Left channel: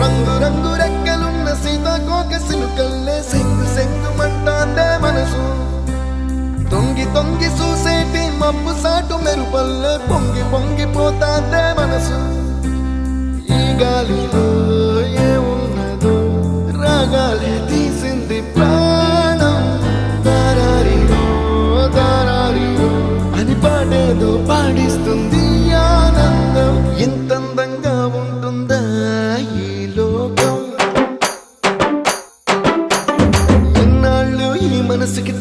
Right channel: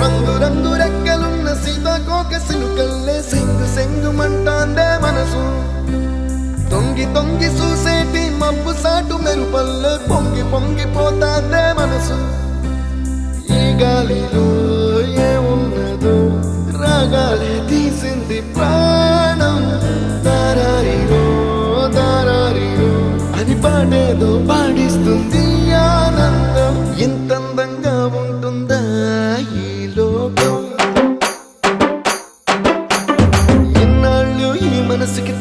రంగు రంగు రెక్కలున్న సీతాకోక సిలుకల్లే సెంగు సెంగు మంటాందే మనసు తొంగి తొంగి చూసేటి మబ్బు సాటు మెరుపల్లే పొంగి పొంగిపోతాందే మనసు ఈ గాలిలో ఏమున్నదో రాగాలే తీసింది ప్రాణం దారారిరో దారారిరో అని పాడేదో పాడిస్తుంది ఆనందం ఇంతందంగా ఉంటుందా ఈ లోకం ఇన్నాళ్ళు ఈ మనసుకి